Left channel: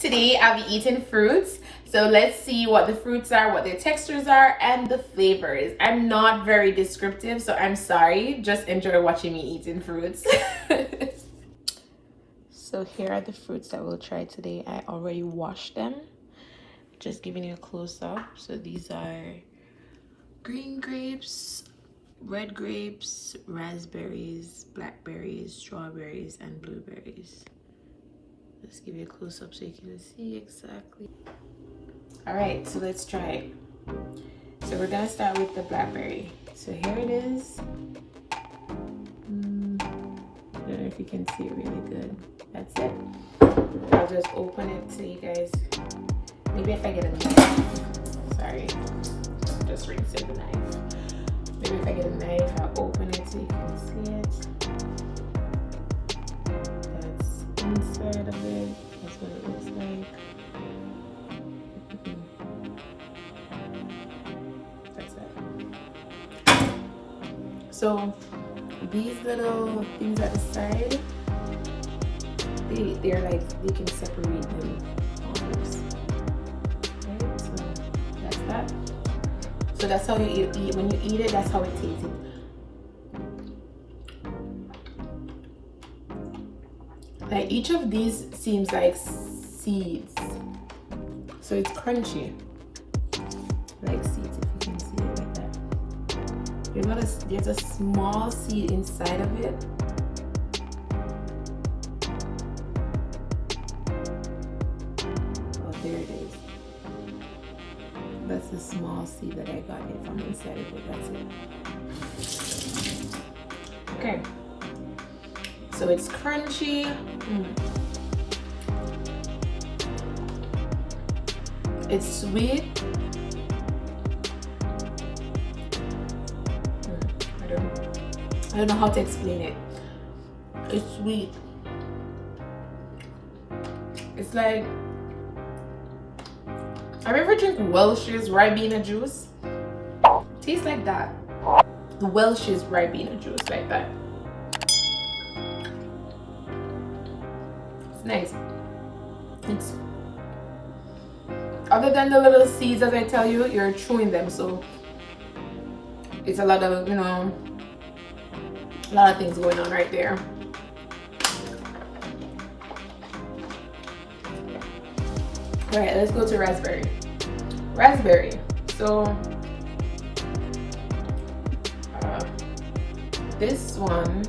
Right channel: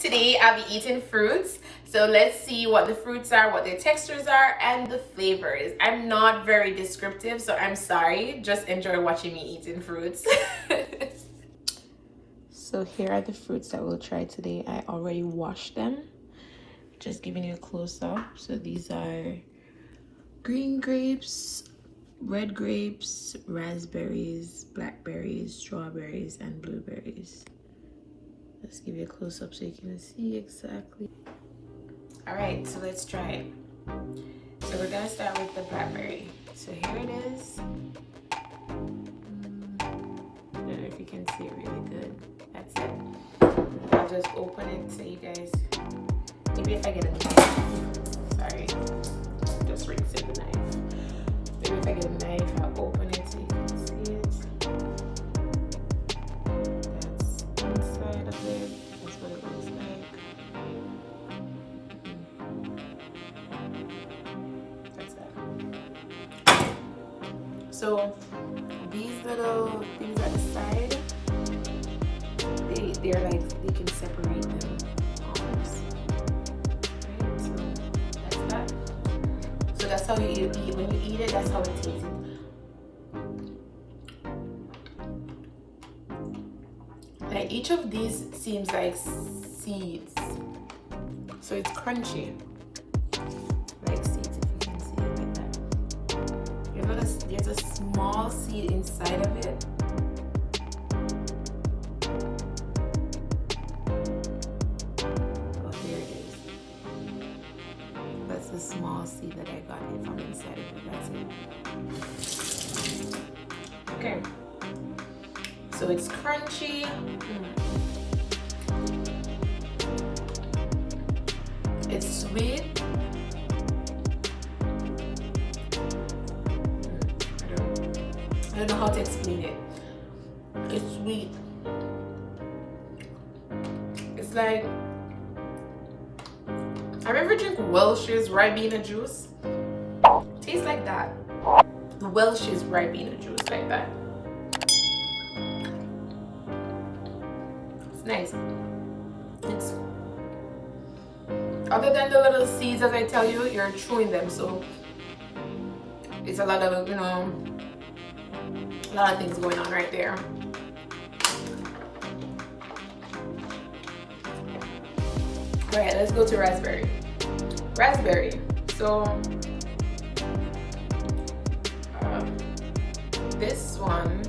Today I'll be eating fruits. So let's see what the fruits are, what their textures are, and the flavors. I'm not very descriptive, so I'm sorry. Just enjoy watching me eating fruits. So here are the fruits that we'll try today. I already washed them. Just giving you a close-up. So these are green grapes, red grapes, raspberries, blackberries, strawberries, and blueberries. Let's give you a close-up so you can see exactly. All right, so let's try it. So we're gonna start with the blackberry. So here it is. I don't know if you can see it really good. That's it. I'll just open it so you guys, maybe if I get a knife. Sorry, just rinsing the knife. Maybe if I get a knife, I'll open it so you can see it. That's inside of it. That's what it looks like. That's it. So these little things at the side, they're like, they can separate them almost. Right? So that's that. So that's how you eat. When you eat it, that's how it tastes. Like each of these seems like seeds. So it's crunchy. Like seeds, if you can see it like that. There's a small seed inside of it. Oh, there it is. That's the small seed that I got it from inside of it. That's it. Okay. So it's crunchy. It's sweet. I don't know how to explain it. It's sweet. It's like, have you ever drink Welch's Ribena juice? Tastes like that. The Welch's Ribena juice, like that. It's nice. It's, other than the little seeds, as I tell you, you're chewing them, so it's a lot of, you know, a lot of things going on right there. All right, let's go to raspberry. Raspberry. So this one,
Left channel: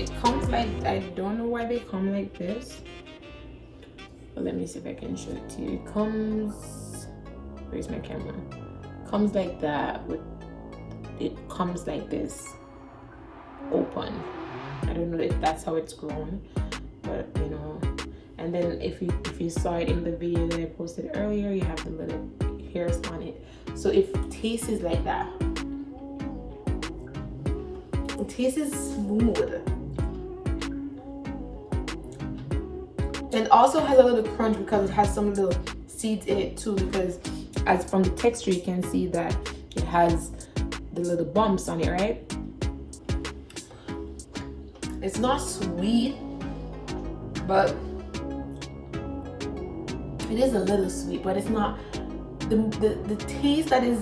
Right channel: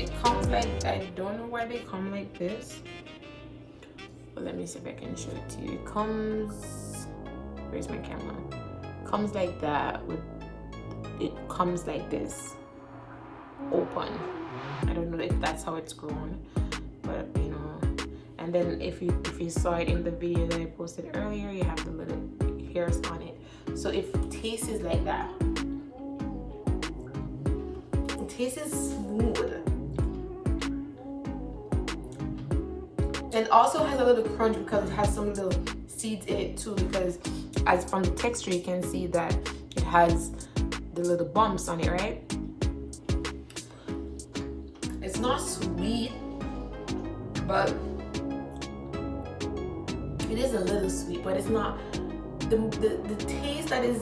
it comes like, I don't know why they come like this, but let me see if I can show it to you. It comes, where's my camera? It comes like that. It comes like this, open. I don't know if that's how it's grown, but you know. And then if you saw it in the video that I posted earlier, you have the little hairs on it. So it tastes like that. It tastes smooth. And also has a little crunch because it has some little seeds in it too, because as from the texture you can see that it has the little bumps on it, right? It's not sweet, but it is a little sweet, but it's not, the taste that is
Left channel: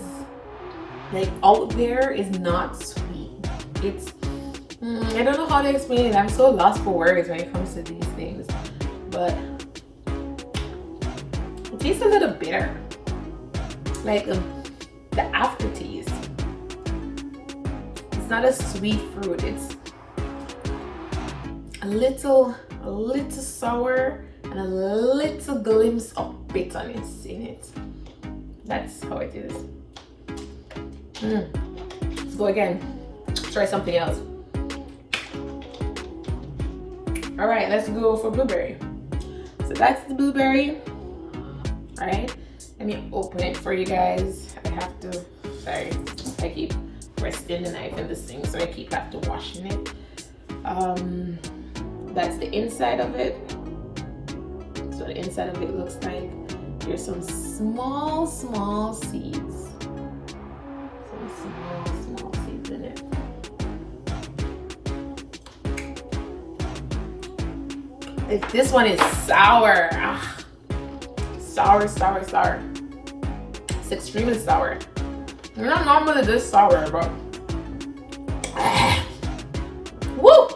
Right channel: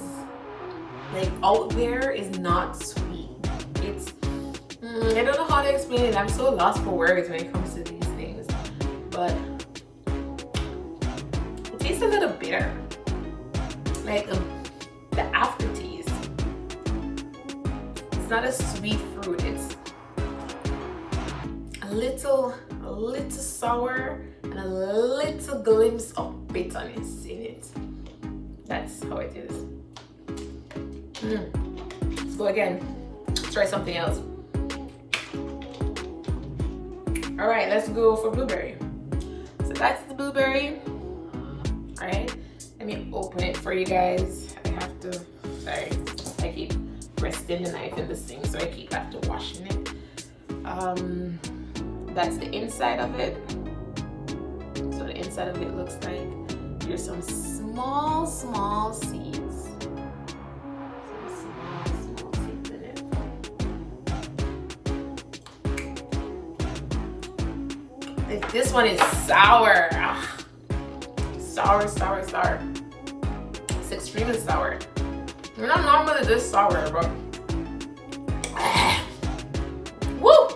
like out there is not sweet. It's, I don't know how to explain it. I'm so lost for words when it comes to these things, but it tastes a little bitter, like the aftertaste. It's not a sweet fruit. It's a little sour and a little glimpse of bitterness in it. That's how it is. Let's go again. Let's try something else. All right, let's go for blueberry. So that's the blueberry. All right, let me open it for you guys. I have to, sorry, I keep resting the knife in this thing, so I keep have to washing it. That's the inside of it. So the inside of it looks like there's some small seeds. Some small seeds in it. This one is sour. Ah, sour, sour, sour. It's extremely sour. You're not normally this sour, bro. Woo!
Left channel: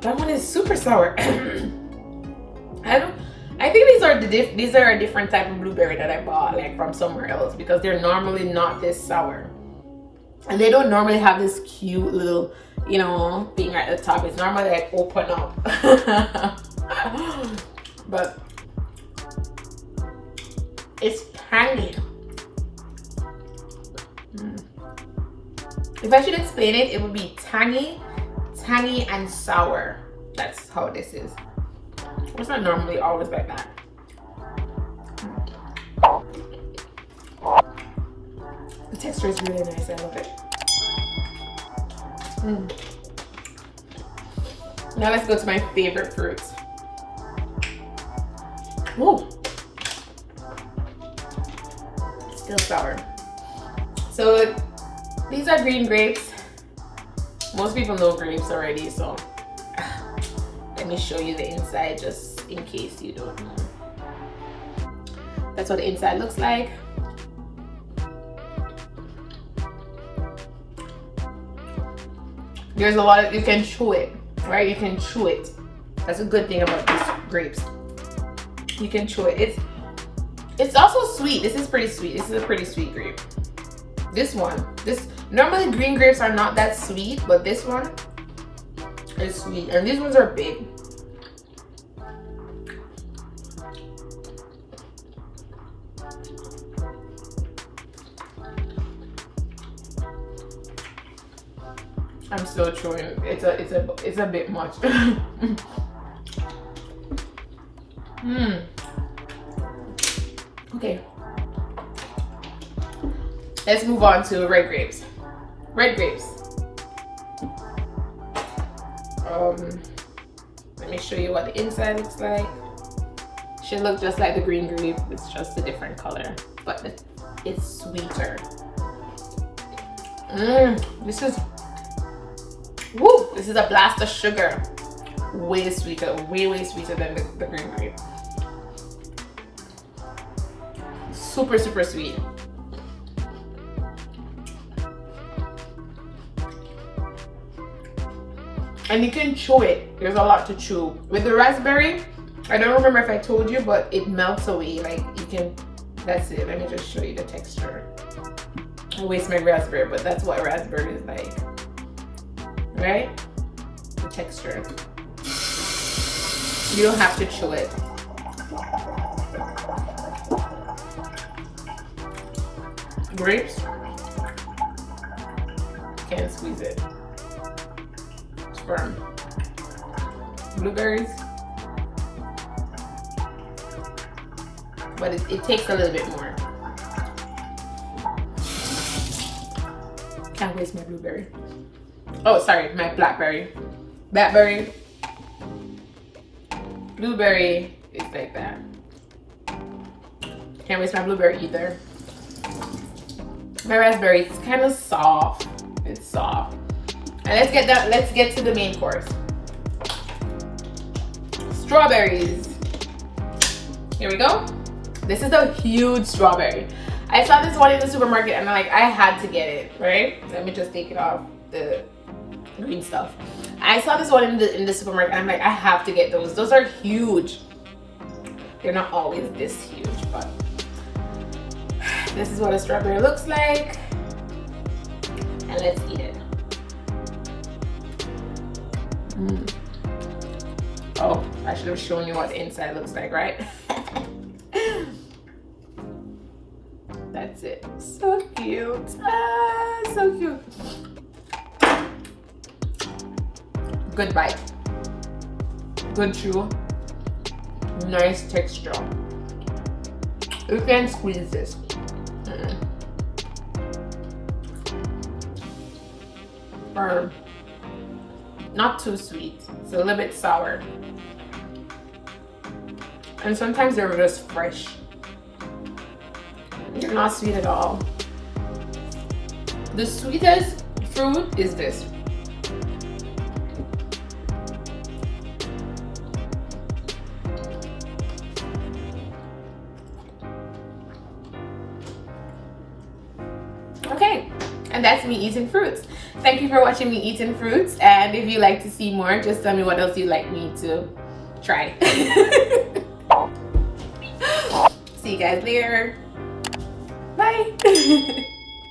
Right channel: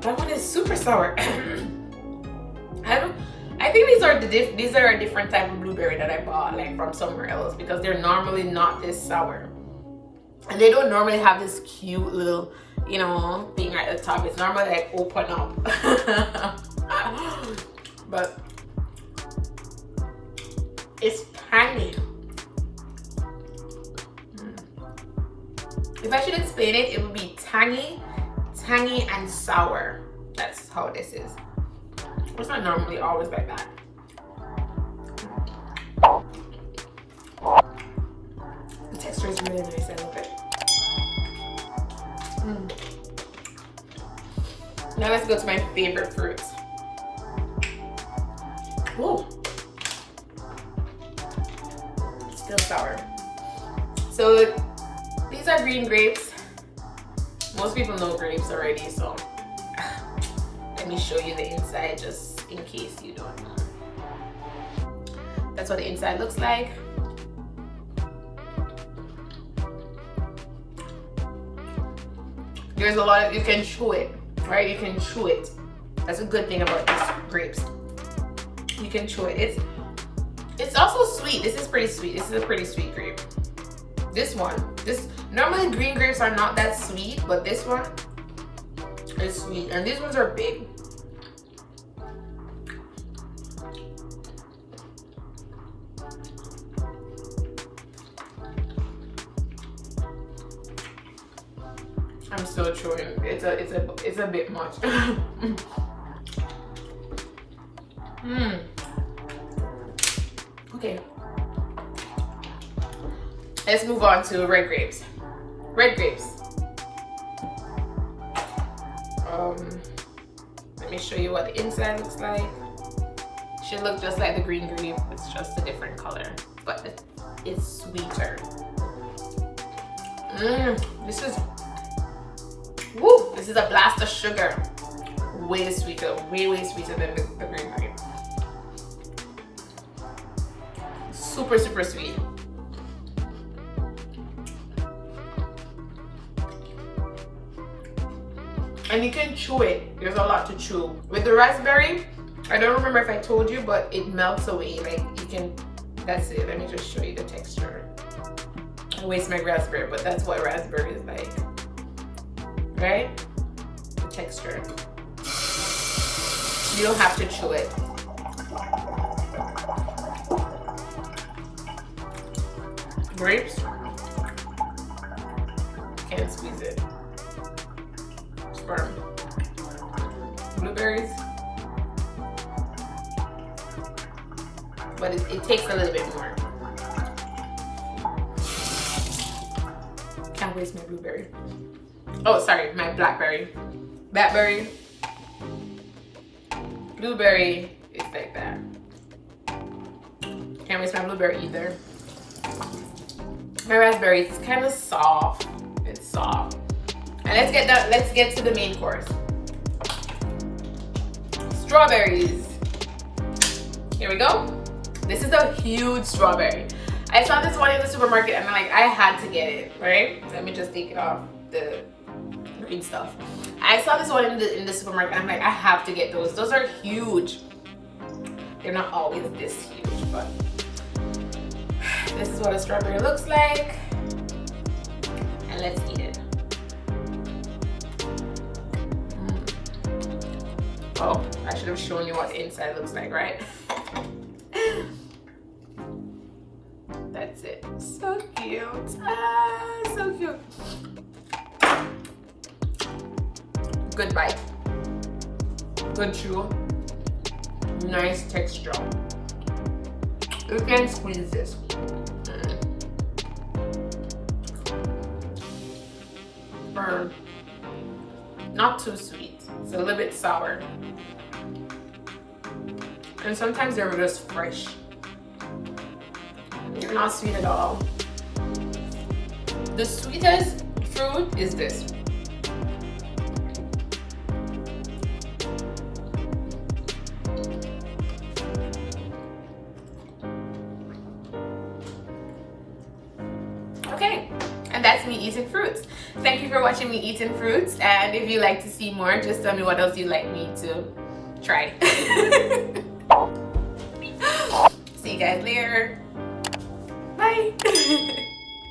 That one is super sour. I think these are a different type of blueberry that I bought like from somewhere else, because they're normally not this sour. And they don't normally have this cute little, you know, thing right at the top. It's normally like open up. But it's tangy. If I should explain it, it would be tangy, and sour. That's how this is. It's not normally always like that. The texture is really nice. I love it. Now let's go to my favorite fruits. Whoa. It's still sour. So these are green grapes. Most people know grapes already, so let me show you the inside just in case you don't know. That's what the inside looks like. There's a lot of, you can chew it, right? You can chew it. That's a good thing about these grapes. You can chew it. It's also sweet. This is pretty sweet. This is a pretty sweet grape. This normally green grapes are not that sweet, but this one is sweet. And these ones are big. I'm still chewing. It's a bit much. Okay. Let's move on to red grapes. Red grapes. Let me show you what the inside looks like. Should look just like the green grape. It's just a different color, but it's sweeter. This is a blast of sugar. Way sweeter, way sweeter than the green grape. Super, super sweet. And you can chew it. There's a lot to chew. With the raspberry, I don't remember if I told you, but it melts away. Like you can, that's it. Let me just show you the texture. I waste my raspberry, but that's what raspberry is like. Right? The texture. You don't have to chew it. Grapes, can't squeeze it. It's firm. Blueberries, but it takes a little bit more. Can't waste my blueberry. Oh, sorry, my blackberry. Blackberry. Blueberry is like that. Can't waste my blueberry either. My raspberry, it's kind of soft. It's soft. And let's get to the main course. Strawberries. Here we go. This is a huge strawberry. I saw this one in the supermarket and I'm like, I had to get it, right? Let me just take it off the green stuff. I saw this one in the supermarket and I'm like, I have to get those. Those are huge. They're not always this huge, but this is what a strawberry looks like. And let's eat it. Oh, I should have shown you what the inside looks like, right? That's it. So cute. Ah, so cute. Good bite. Good chew. Nice texture. You can squeeze this. Firm. Not too sweet. It's a little bit sour. And sometimes they're just fresh. They're not sweet at all. The sweetest fruit is this. And that's me eating fruits. Thank you for watching me eating fruits, and if you like to see more, just tell me what else you'd like me to try. See you guys later. Bye.